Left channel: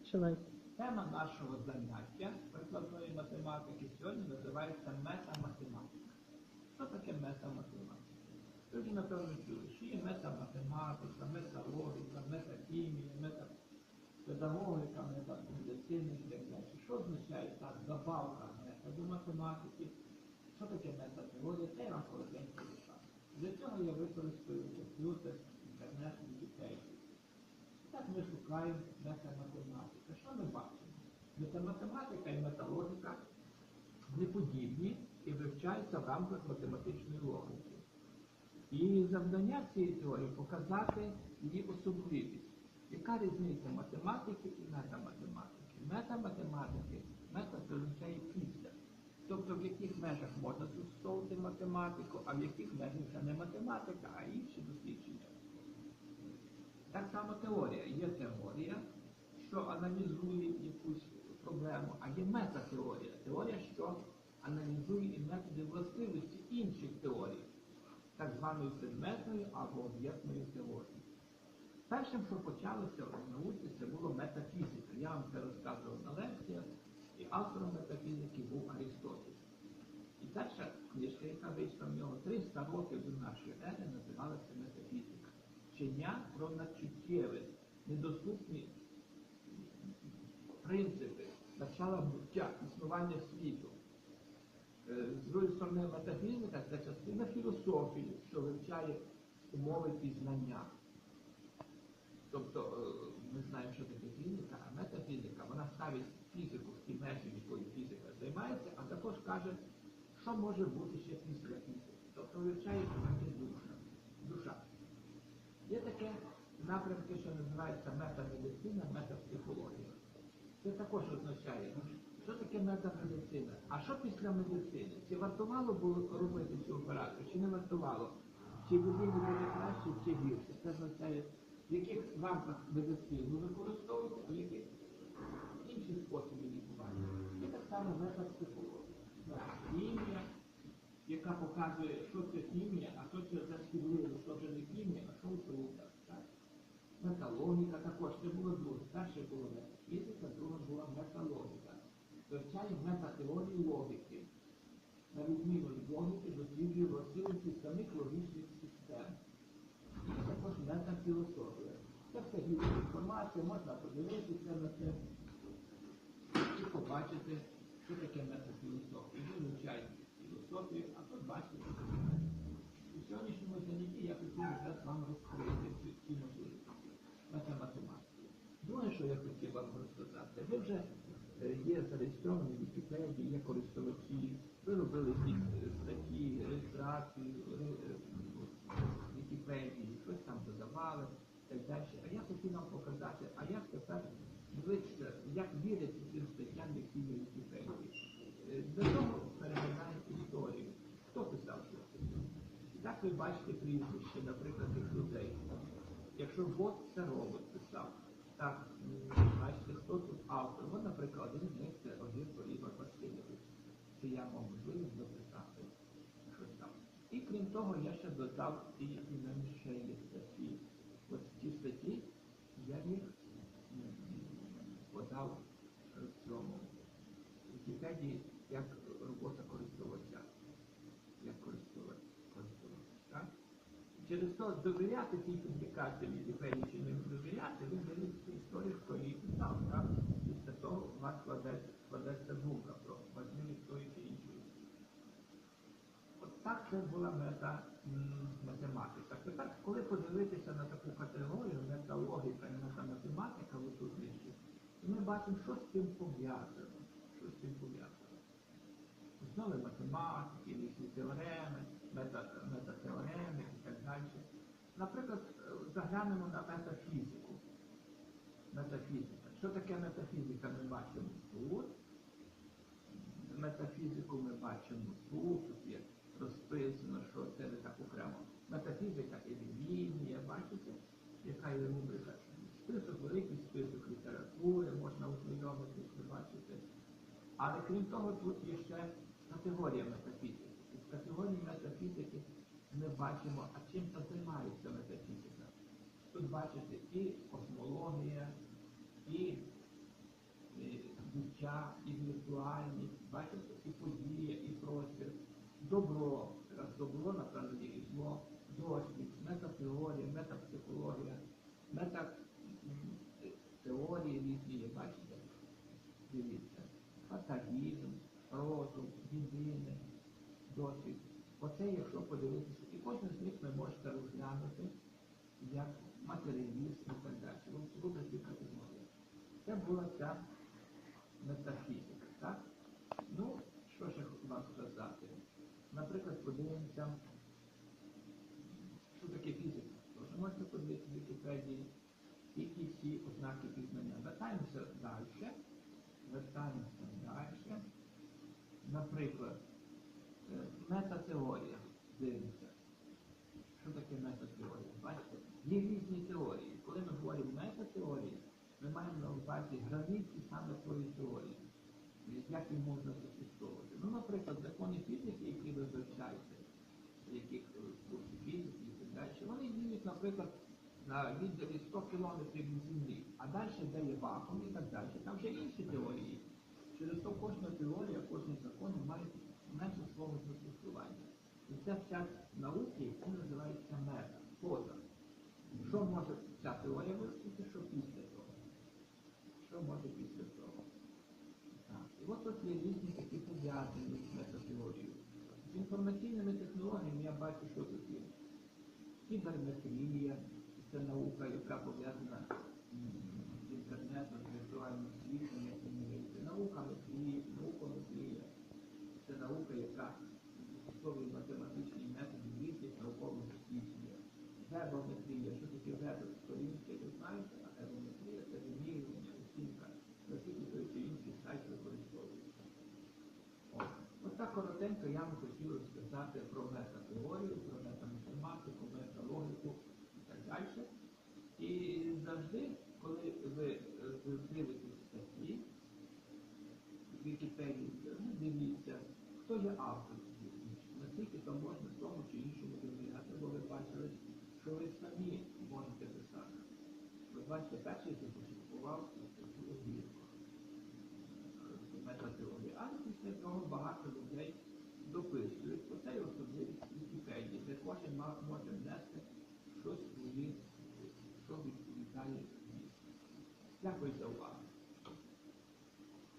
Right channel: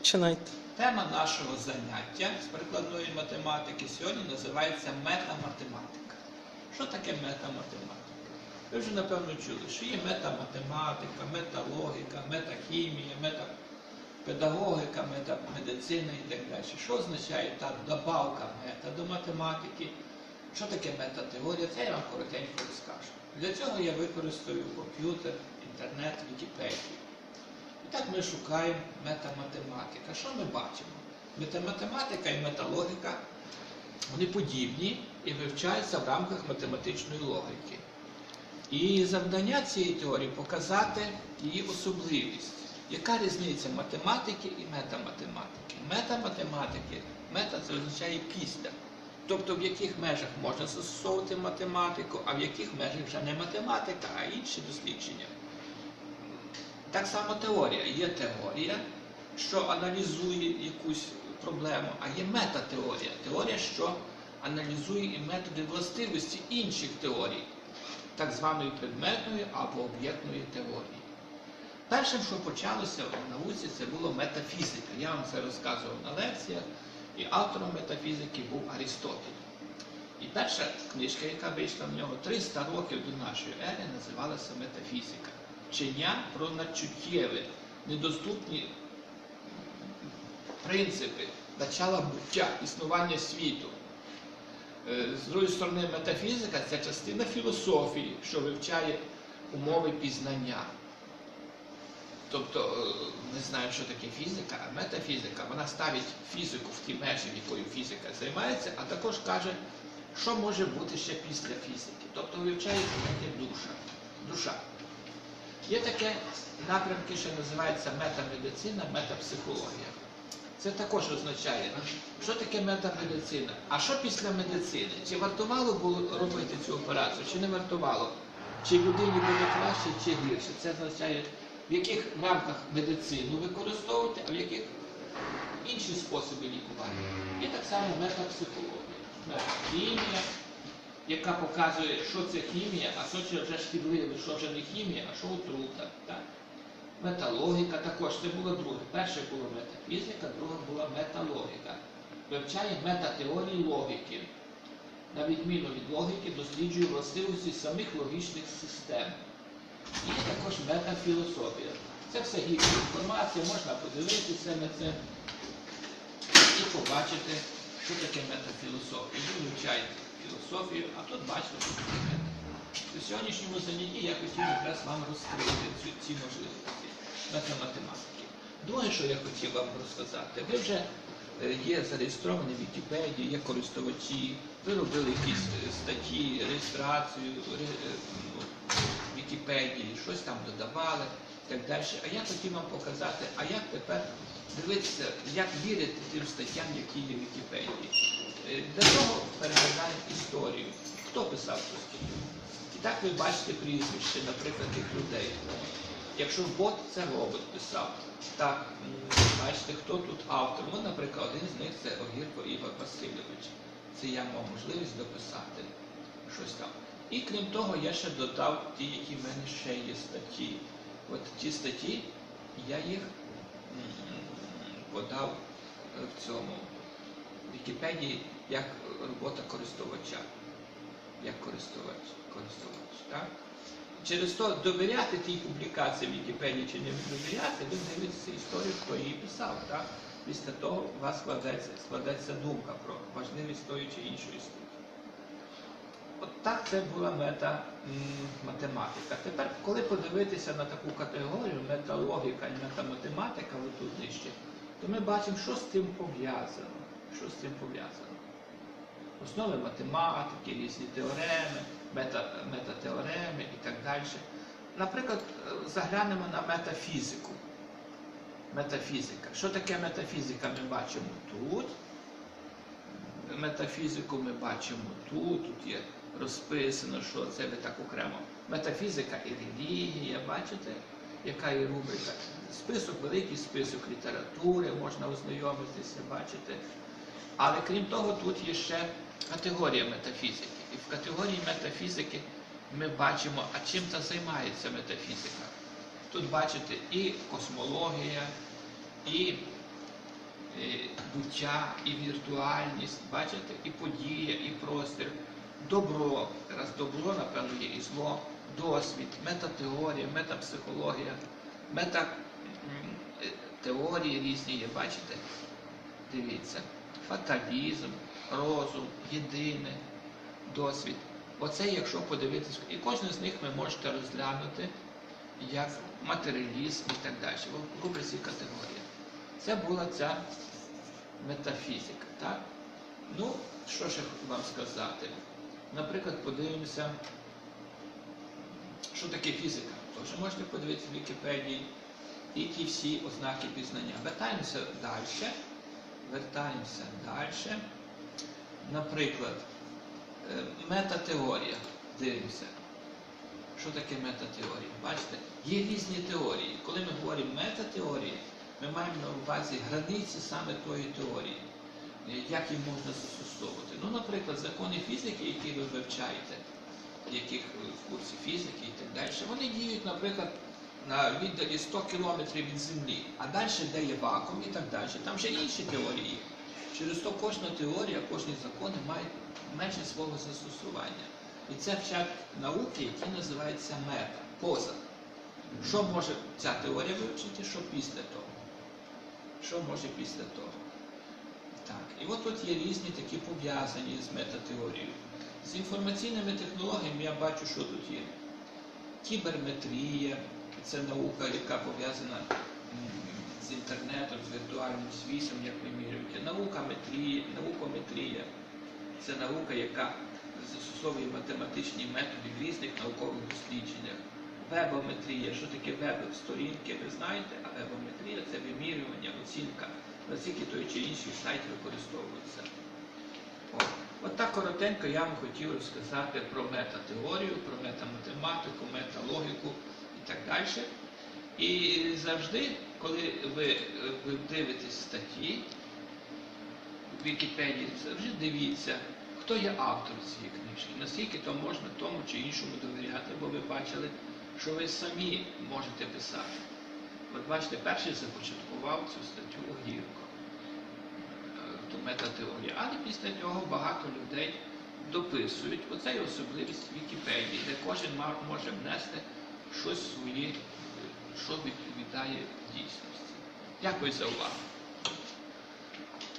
Починайте. Тема нашого заняття з прикладної математики сьогодні називається метаматематика. Що таке метаматематика? Ви вже напевно чули, що є метаматематика, металогіка, метахімія, метапедагогіка, метамедицина і так далі. Що означає та добавка мета до математики? Що таке метатеорія? Це я вам коротенько розкажу. Для цього я використаю комп'ютер, інтернет, Вікіпедію. Так ми шукаємо метаматематика. Що ми бачимо? Метаматематика і металогіка вони подібні і вивчаються в рамках математичної логіки. І завдання цієї теорії показати її особливість. Яка різниця математики і метаматематики? Метаматематики, мета це означає після. Тобто в яких межах можна застосовувати математику, а в яких межах вже не математика, а інші дослідження. Так само теорія. Є теорія, що аналізує якусь проблему, а є метатеорія. Теорія, що аналізує і методи властивості інших теорій, так званої предметної або об'єктної теорії. Першим, що почалося в науці, це було метафізика. Я вам це розказував на лекціях, і автором метафізики був Арістотель. І перша книжка, яка вийшла в нього 300 років до нашої ери, називалася Метафізика. Вчення про надчуттєві, недоступні принципи, начала буття, існування світу. Е, З другої сторони, метафізика це частина філософії, що вивчає умови пізнання. Тобто е, ми знаємо, що таке фізика, а метафізика, вона ставить фізику в ті межі, якою фізика займається, а також каже, що може бути ще після фізики. Тобто вивчає поняття душа. душа. Є таке напрямки, що називається метамедицина, метапсихологія. Це також означає, що таке метамедицина. А що після медицини? Чи вартувало було робити цю операцію, чи не вартувало? Чи людині буде краще, чи гірше? Це означає, в яких рамках медицину використовувати, а в яких інші способи лікування. І так само метапсихологія, метахімія, яка показує, що це хімія, а що це вже шкідливе, що вже не хімія, а що отрута. Так? Металогіка також це було друге. Перше було метафізика, друге була металогіка. Вивчає метатеорії логіки. На відміну від логіки, досліджує властивості самих логічних систем. І також метафілософія. Це все гідна інформація, можна подивитися на це і побачити, що таке метафілософія. Ви вивчаєте філософію, а тут бачите, що. У сьогоднішньому занятті я хотів якраз вам розкрити цю, ці можливості метаматематики. Друге, що я хотів вам розказати, ви вже е, є зареєстровані в Вікіпедії, є користувачі, ви робили якісь е, статті, реєстрацію ре- е, ну, в Вікіпедії, щось там додавали і так далі. А я хотів вам показати, а як тепер дивитися, як вірити тим статтям, які є в Вікіпедії. Е, Для того переглядаємо історію. Хто писав цю статтю? І так ви бачите прізвище, наприклад, тих людей. Якщо бот це робот писав, так бачите, хто тут автор. Ну, наприклад, один з них це Огірко Ігор Васильович. Це я мав можливість дописати щось там. І крім того, я ще додав ті, які в мене ще є статті. От ті статті, я їх подав е, в цьому Вікіпедії як робота користувача. Як користувач. користувач так? Через то довіряти тій публікації в Вікіпедії чи не довіряти, ви дивитеся історію, хто її писав. Так? Після того у вас складеться, складеться думка про важливість тої чи іншої статті. От так це була мета математика. Тепер, коли подивитися на таку категорію металогіка і метаматематика, ви тут нижче, то ми бачимо, що з цим пов'язано. Що з цим пов'язано? Основи математики, різні теореми, мета, метатеореми і так далі. Наприклад, заглянемо на метафізику. Метафізика. Що таке метафізика? Ми бачимо тут. Метафізику ми бачимо тут, тут є розписано, що це ви так окремо. Метафізика і релігія, бачите, яка є рубрика. Список, великий список літератури, можна ознайомитися, бачите. Але крім того, тут є ще категорія метафізики. І в категорії метафізики ми бачимо, а чим це займається метафізика. Тут бачите і космологія, і буття, і віртуальність, бачите, і подія, і простір, добро, раз добро, напевно, є і зло, досвід, метатеорія, метапсихологія, мета м, е, різні є, бачите? Дивіться, фаталізм, розум, єдине, досвід. Оце, якщо подивитись, і кожен з них ви можете розглянути як матеріалізм і так далі. В рубриці категорія. Це була ця метафізика. Так? Ну, що ще вам сказати? Наприклад, подивимося, що таке фізика. Тож можете подивитися в Вікіпедії і ті всі ознаки пізнання. Вертаємося далі. Вертаємося далі. Наприклад, е, метатеорія. Дивимося. Що таке метатеорія? Бачите, є різні теорії. Коли ми говоримо метатеорії, ми маємо на увазі границі саме тої теорії, е, як їх можна застосовувати. Ну, наприклад, закони фізики, які ви вивчаєте, яких е, в курсі фізики і так далі, вони діють, наприклад, на віддалі 100 кілометрів від Землі, а далі де є вакуум і так далі. Там ще інші теорії. Через то кожна теорія, кожні закони мають межі свого застосування. І це вчать науки, які називаються мета, поза. Що може ця теорія вивчити, що після того? Що може після того? Так. І от тут є різні такі пов'язані з метатеорією. З інформаційними технологіями я бачу, що тут є. Кіберметрія, це наука, яка пов'язана з інтернетом, з віртуальним світом, як ви міряєте. Наука метрія, наукометрія це наука, яка застосовує математичні методи в різних наукових дослідженнях. Вебометрія, що таке веб сторінки, ви знаєте, а вебометрія це вимірювання, оцінка, наскільки той чи інший сайт використовується. От так коротенько я вам хотів розказати про метатеорію, про метаматематику, металогіку і так далі. І завжди, коли ви, е, ви дивитесь статті в Вікіпедії, завжди дивіться, хто є автор цієї книжки, наскільки то можна тому чи іншому довіряти, бо ви бачили, що ви самі можете писати. От бачите, перший започаткував цю статтю Огірко, е, ту метатеорію. Але після цього багато людей дописують. Оце є особливість Вікіпедії, де кожен може внести щось своє, е, що відповідає E a coisa é o lado.